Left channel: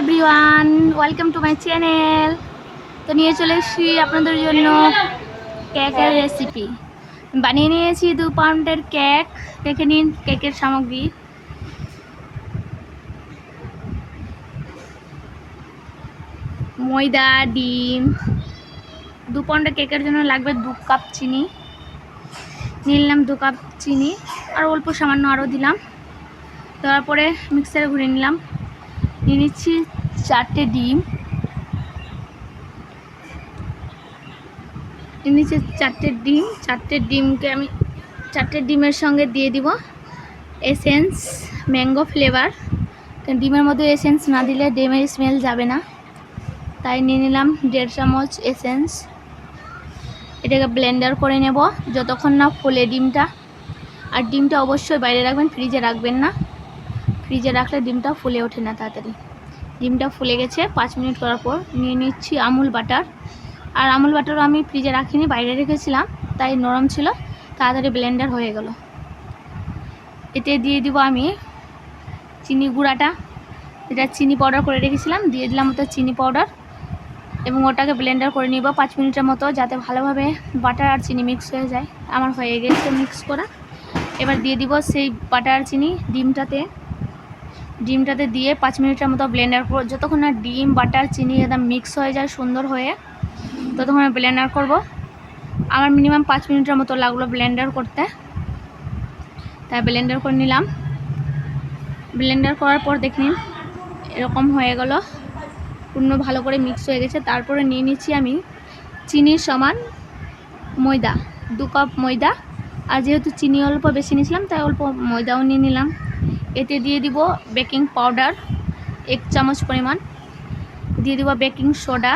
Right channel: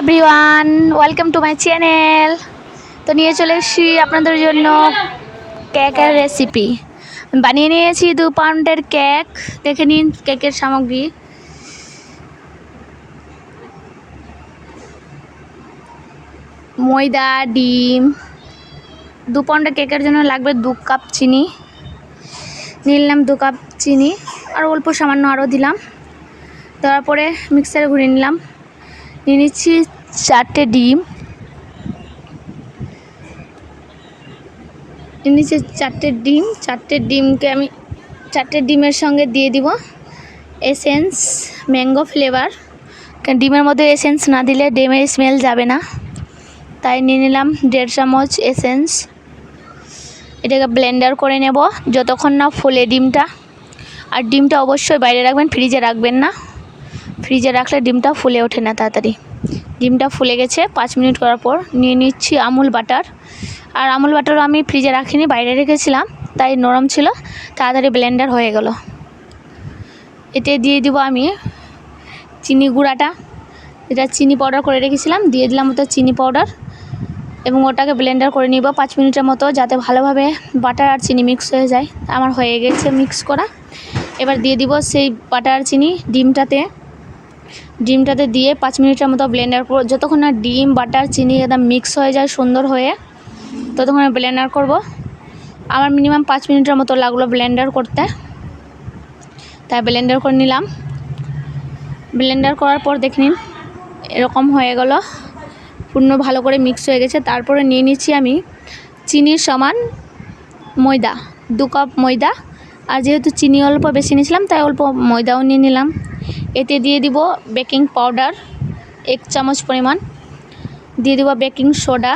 Everyone, welcome to my channel. তো নিয়ে চলে এসেছি আপনাদের জন্য কেকের রেসিপি। বানিয়ে নিয়েছি 2 পাউন্ডের কেক। দেখে নিন কেকের সামগ্রী। ময়দা, ডিম। 2 পাউন্ডের কেকের জন্য লাগবে 2 কাপ চিনি। নিলাম 2 কাপ চিনি আর অল্প সামান্য আরও দিলাম। দেওয়ার পরে মিক্সারে ঘুরিয়ে নিলাম। নিয়ে নিচ্ছি 4টে ডিম। নিচে 4টে ডিম। 4টে ডিমকে আমি 4টে ডিমের সঙ্গে দিয়ে দিব এসেন্স, ম্যাঙ্গো ফ্লেভার। কারণ ডিমের মধ্যে এসেন্স না দিলে ডিমের স্মেল যাবে না, তাই নিয়ে নিলাম 1.5 চামচ এসেন্স। এটাকে ব্লেন্ডার করে নেব যতক্ষণ না ফুলে ডিমটা। আর ডিমটা অবশ্যই বাইরে রাখবেন, ফ্রিজে রাখবেন না। ফ্রিজে রাখলে ডিমটা ফুলে ওঠে না তাড়াতাড়ি। ডিমটা ফুলে গেছে 5 মিনিট করার পর নিয়ে নিচ্ছি আমুল বাটার। আর আমুল বাটার আমি ফ্রিজে রাখিনি, বাইরে রেখেছিলাম, তাই নরম ছিল, তাড়াতাড়ি ব্লেন্ডার হয়ে গেল। এতে দিয়ে দিব আমি চিনি গুঁড়াটা। এটা চিনি পাউডার করে রেখেছিলাম, দিয়ে দিলাম ওটা চিনি পাউডার এবং ওটাকে ব্লেন্ডার করে নিব 5 মিনিটের মতো, যাতে ভালোভাবে বাটার আর চিনি মিক্স হয়ে যায়। আমার হয়ে গেছে মিক্স করা। এবার দিয়ে দিব সেই বাটার আর চিনি ডিমটাতে দিয়ে 5 মিনিটের মতো ব্লেন্ডার করব। যতক্ষণ না ডিম, বাটার, চিনি একদম মিক্স হয়ে যায় সুন্দর হয়ে, ততক্ষণ ব্লেন্ডার করব। আমার মিনিমাম 5 মিনিটের মতো লাগলো ব্লেন্ডার করতে, তাই ব্লেন্ডার করে নিলাম। ব্লেন্ডার করার পর দেখে নিন এরকম হয়ে গেল, পূর্ণ ভালো করে মিক্স হয়ে গেছে। তারপরে নিয়ে নিচ্ছি আমি চিনির সমান ময়দা, 2 কাপ ময়দা। আর যেহেতু চিনি অল্প বেশি নিয়েছিলাম, তাই অল্প ময়দাও নিয়ে নিলাম। এতে দিয়ে দিব বেকিং পাউডার 1 চামচ পরিমাণ, দিয়ে দিব বেকিং সোডা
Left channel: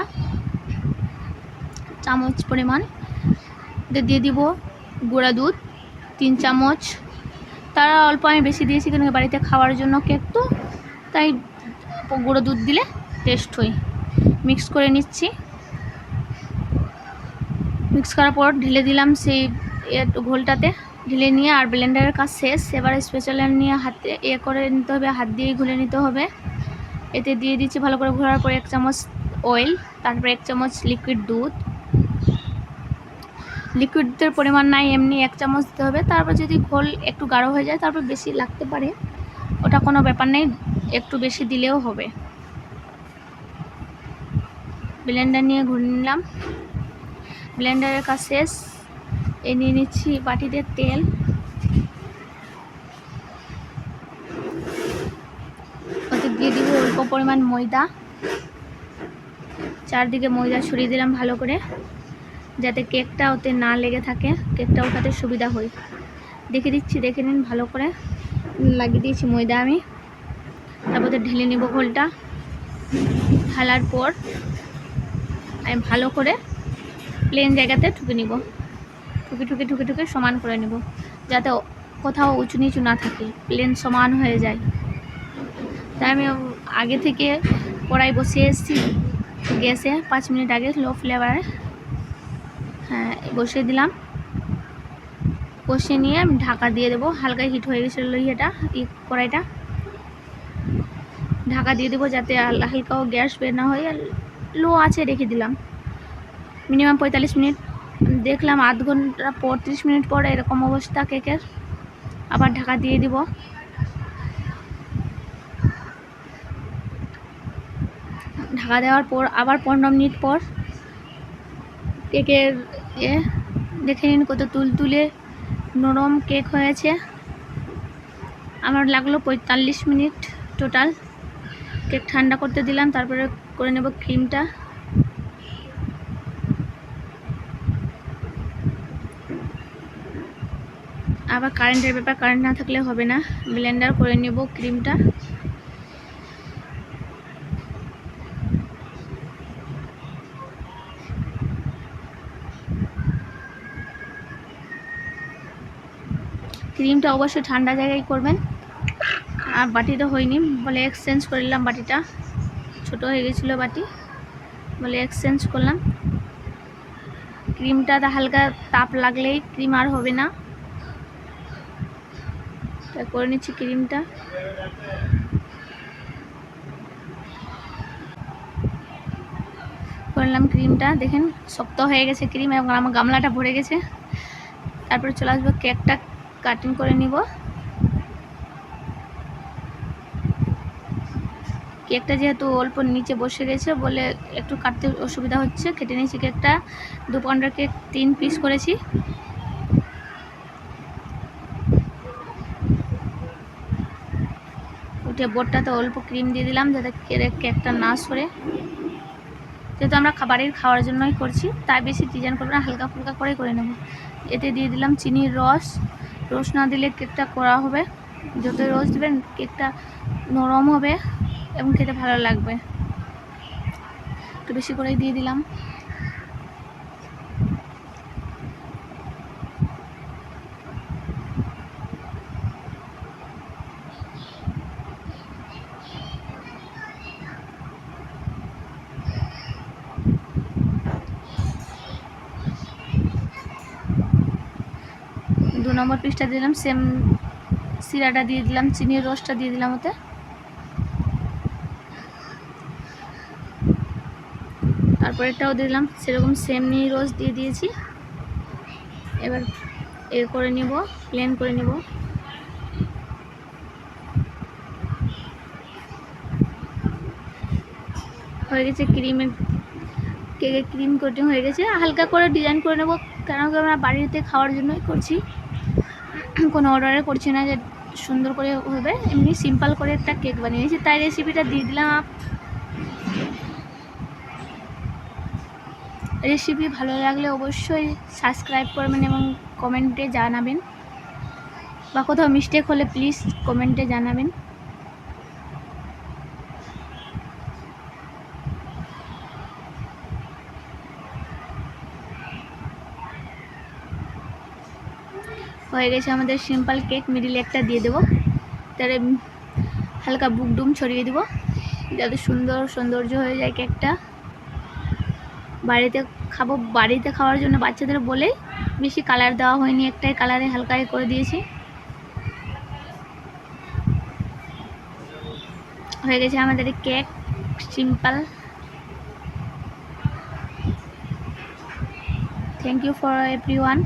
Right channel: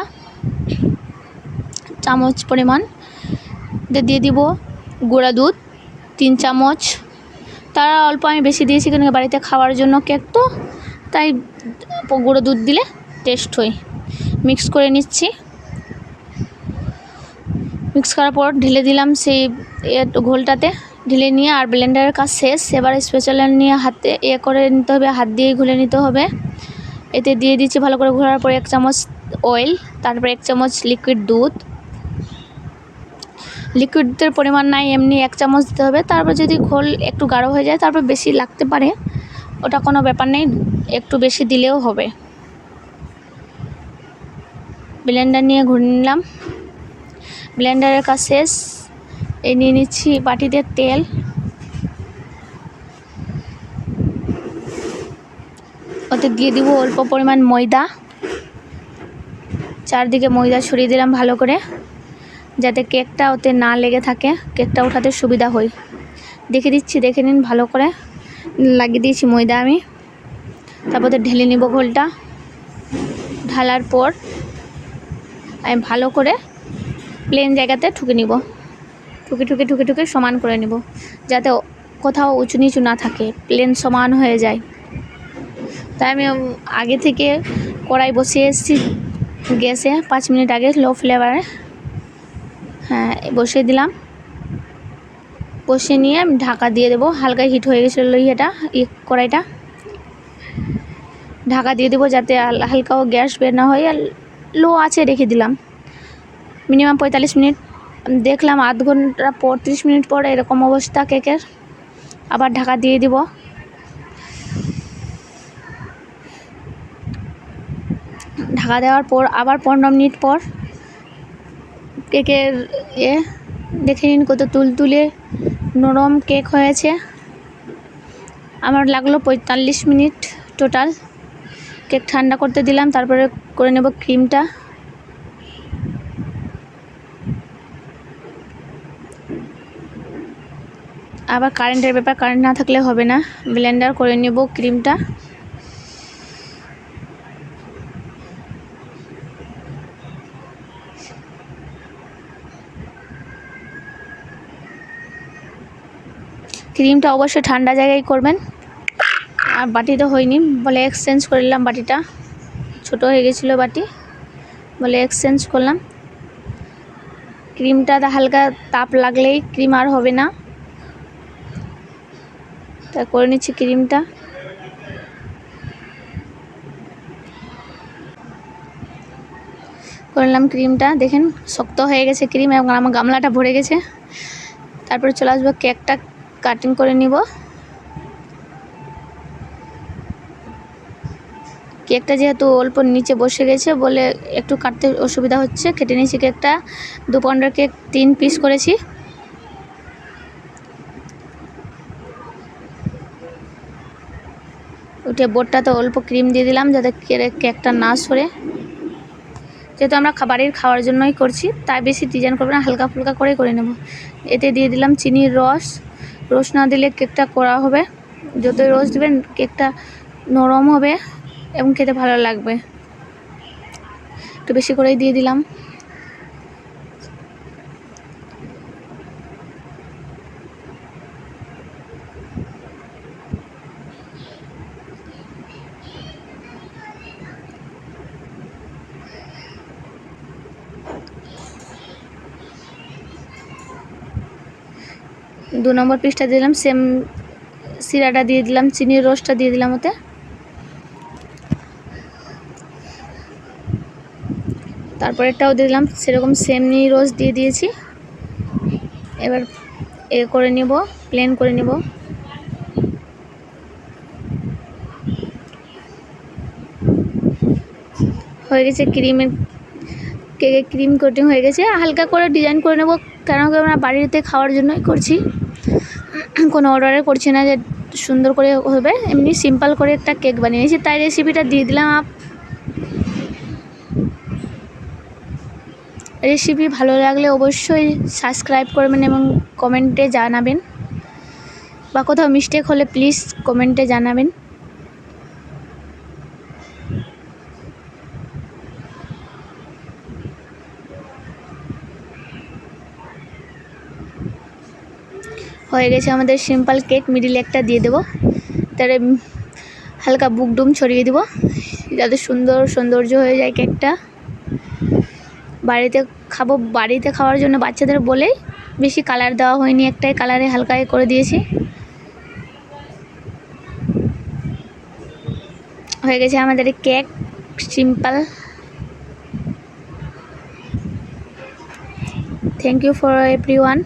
চামচ পরিমাণ, দিয়ে দিব গুঁড়া দুধ 3 চামচ। তারা অল্প আমি বেশি দিয়েছি, কারণ বাড়িতে খাওয়ার জন্য কেক তো, তাই গুঁড়ো দুধ দিলে টেস্ট হয়। মিক্স করে নিচ্ছি। মিক্স করার পর ঢেলে দিলাম সেই ঘোলটাতে। ঢেলে নিয়ে আর ব্লেন্ডারের কাজ শেষ। এবার স্পেশালার নিয়ে হাতে করে নিতে হবে, হাত দিয়েই ঘুলে নিতে হবে। এতে দিয়ে দিচ্ছি ভালো করে ঘোরার পর 1 চামচ অয়েল, তারপর 1 চামচ লিকুইড দুধ। লিকুইডের পরিমাণ নাই, এমনি 1 চামচ দিতে হবে। তারপর যদি ঘোল একটু গাঢ় হয়ে যায় তারপর বেশি লাগতে পারে, ওটা কোনো ব্যাপার নেই, একটু বেশি দিলেও হবে। ব্লেন্ডার নিয়ে ঘুরে নিলাম। ব্লেন্ডারের কাজ শেষ। এই নিয়ে নিচ্ছি বাটিতে তেল। ওতে দিয়ে দিব অল্প পরিমাণ ময়দা। চারদিকে ময়দা ছড়িয়ে দিলাম ভালো করে, যাতে কেকটা ওতে না লেগে থাকে, কেকটা ওঠাতে সুবিধা হয়। দেখে দিচ্ছি, দেখে নিন ভালো করে লাগিয়ে দিয়েছি ময়দা আমি। তারপর ঢেলে নিব ঘোলটা। ঢালার পর আমি ভালো করে প্লেন জায়গাতে ঠুকে নিব, ঠুকে সমান করে নিব, যাতে কোথাও উঁচু নিচু না থাকে, প্লেন সমান হয়ে যায়। তাই আমি আগে থেকে কড়াই বসিয়ে এসেছি গ্যাসে 5 মিনিট আগে, লো ফ্লেভারে। হ্যাঁ, বসিয়ে দিলাম। বসিয়ে নিয়ে ঢাকা দিয়ে দেবো। হালকা হিট হয়ে গেছিলো কড়াইটা। ঢাকা দিয়ে দেবো যাতে হালকাও গ্যাস বের না হয়। আর লো আছে রেখে দিলাম মিনিমাম 45 মিনিট। দেখলাম আধ ঘন্টা পর, 30 মিনিট পর এরকম অবস্থা কেকের। আবার ঢাকা দিয়ে দিব। ঢাকা দেওয়ার পর আবার 15 মিনিট পর কেকের দেখে নিন কত তুলতুলে নরম কেক হয়েছে। আমার লাগলো 45 মিনিট টোটাল। কেক ঠান্ডা করতে দিলাম, তারপরে করে নেব ক্রিমটা। আবার কারেন্টের ব্যাপার, কারেন্ট না থাকলে হবে না। ব্লেন্ডার করে নেব ক্রিমটা। ক্রিমটা অবশ্যই ঠান্ডা জায়গায় করবেন। আর বাটিটা হয়নি বলে এক্সচেঞ্জ করে নিলাম, বাটিটা ছোট হয়ে গেছিলো বাটি বলে এক্সচেঞ্জ করলাম। ক্রিমটা হালকা তাপ লাগলেই ক্রিম আর হবে না, তাই করে নিচ্ছি ক্রিমটা। করলাম ক্রিমটা, দেখেন শক্ত হয়ে গেছে ক্রিম এবং আমার গামলাটা ভরে গেছে। তারপরে চলে আসবো কেকটা কাটিং করে নিব। কেকটা যেহেতু অল্প নিচে বসে গেছে বলে একটু কাটতে অসুবিধা হচ্ছে, কেটে নিয়েছি কেকটা। 2 পাউন্ডের কেক 3 পিস করেছি। ওইটা বোর্ডটাতে অল্প ক্রিম দিয়ে দিলাম যাতে কেকটা না সরে। যেহেতু আমরা বাড়ির খাওয়ার জন্যই করছি তাই বেশি ডিজাইন করবো না, হালকা ফুলকা করেই করে নেব। এতে দিয়ে দিলাম চিনির রস। রস না দিলে কেকটা করা হবে, যতই রস দেবেন কেকটা নরম হবে এবং খেতে ভালো লাগবে। একটু বেশি করেই দিয়ে দিলাম। দু নম্বর পিসটা দিলাম, সেম সিরাটা দিয়ে দিলাম, চিনির রসটা দিয়ে দিলাম ওতে। তারপরেরটাও দিলাম সেরকম সেম চিনির রস দিয়ে দিয়েছি। এবার করে নেব, প্লেন করে নেব। হয়ে গেছে কেকের ক্রিম কোটিং হয়ে গেছে। হালকা করে ডিজাইন করে নেব, কারণ আমরা বাড়িতে খাওয়ার জন্যই করছি, কোনো অর্ডারে করছি না যে সুন্দর করে হবে। এমনি সিম্পল করে একটা কেক বানিয়েছি, তাই রেসিপিটা দিয়ে দিলাম। রেসিপি ভালো লাগলে অবশ্যই সাবস্ক্রাইব করবেন এবং কমেন্টে জানাবেন, বা কোথাও মিস্টেক হলে প্লিজ কমেন্টে জানাবেন। হয়ে গেছে আমাদের সিম্পল কেক। মিডিলে একটা দিয়ে দেবো, তার হালকা বুকডুম ছড়িয়ে দেবো যাতে সৌন্দর্য হয়ে যায় কেকটা। বাড়িতে খাওয়ার জন্য বাচ্চাদের বলেই বেশি কালার দেওয়া হয়নি, একটাই কালারে হালকা করে দিয়েছি। হয়ে গেছে আমাদের cake simple. Thank you for everyone.